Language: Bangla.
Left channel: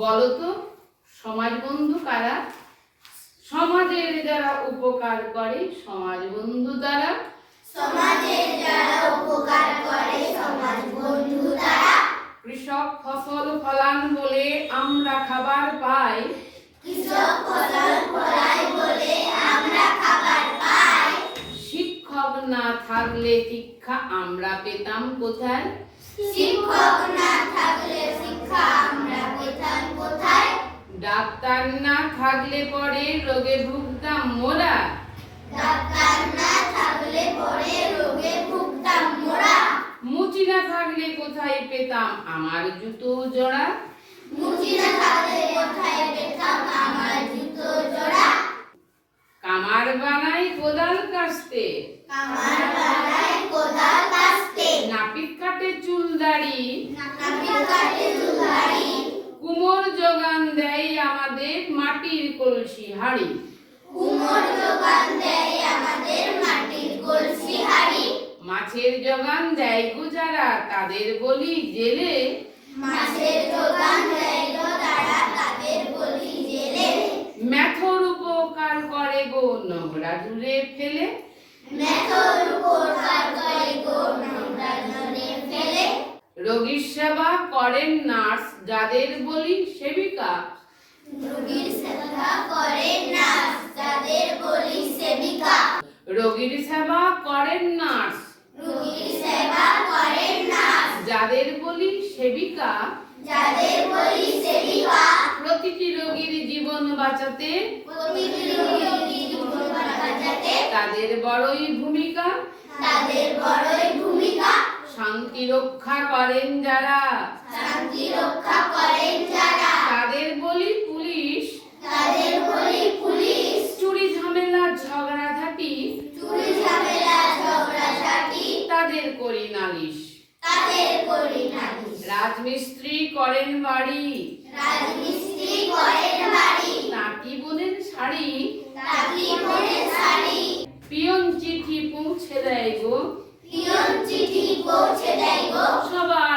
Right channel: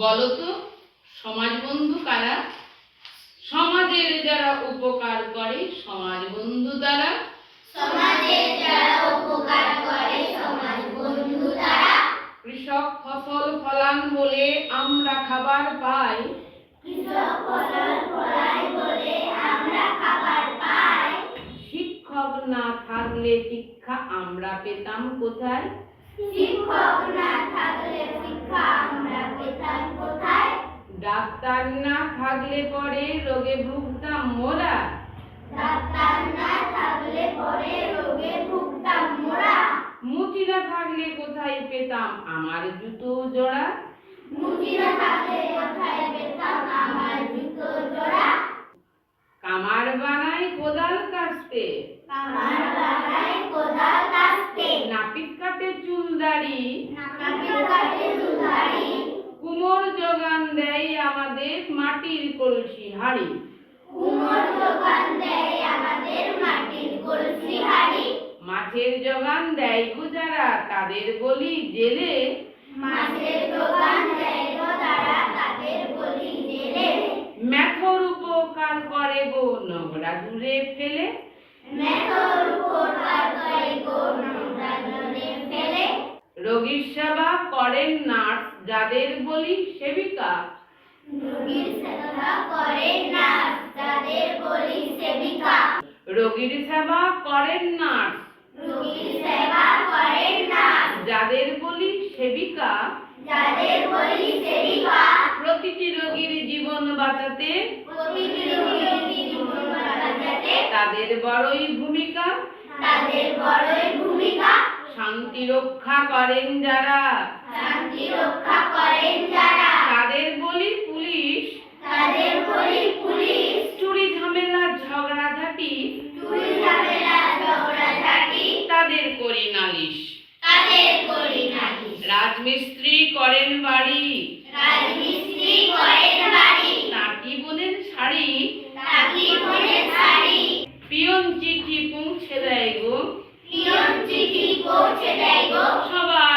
বলতো সমাজ বন্ধু কারা? সমাজের যারা উপকার করে সমাজ বন্ধু তারা। সমাজের যারা উপকার করে সমাজ বন্ধু তারা। কৃষক ফসল ফলান বলে আমরা খাবার পাই। কৃষক ফসল ফলায় বলে আমরা খাবার পাই। শিক্ষক না থাকলে শিক্ষা আমরা পেতাম কোথায়? শিক্ষক না থাকলে শিক্ষা আমরা পেতাম কোথায়? ডাক্তার না থাকলে পরে রোগে ভুগতাম মোরা। ডাক্তার না থাকলে পরে রোগে ভুগতাম মোরা। মুচি না থাকলে কোথায় পেতাম আমার জুতো জোড়া। মুচি না থাকলে কোথায় পেতাম আমার জুতো জোড়া। কামার বানাই কোদাল কাস্তে। কামার বানায় কোদাল কাস্তে। নাপিত কাটে চুল দাড়ি। নাপিত কাটে চুল দাড়ি। কুমোর যোগান দেয় আমাদের মাটির কলসি হাড়ি। কুমোর যোগান দেয় আমাদের মাটির কলসি হাড়ি। মাছের যোগান দেয় গুজারা তাদের বলি জেলে। মাছের যোগান দেয় তারা তাদের বলি জেলে। মেথর উপকার করে গো নোংরা দূরে ফেলে। মেথর উপকার করে গো নোংরা দূরে ফেলে। রোগীর সেবা করেন নার্স যাদের বলি সেবিকা। রোগীর সেবা করে নার্স যাদের বলি সেবিকা। রোগীর সেবা করেন নার্স রোগীর সেবা করে নার্স যাদের বলি সেবিকা। যাদের বলি সেবিকা। প্রতিটি রোগীর জীবন বাঁচাতে প্রতিটি রোগীর জীবন বাঁচাতে তাদের বড়ই ভূমিকা। তাদের বড়ই ভূমিকা। শান্তি রক্ষা করেন যারা শান্তি রক্ষা করেন যারা তাদের বলি পুলিশ। তাদের বলি পুলিশ। চুরি ঝামেলা ঝগড়াঝাটি চুরি ঝামেলা ঝগড়াঝাটি তাদের করি নালিশ। তাদের করি নালিশ। রাজমিস্ত্রি করেন বাড়ি রাজমিস্ত্রি করেন বাড়ি। তাঁতি বোনের শাড়ি তাঁতি বোনের শাড়ি। পিয়ন চিঠি পৌঁছে দেয় গো পিয়ন চিঠি পৌঁছে দেয় গো সবার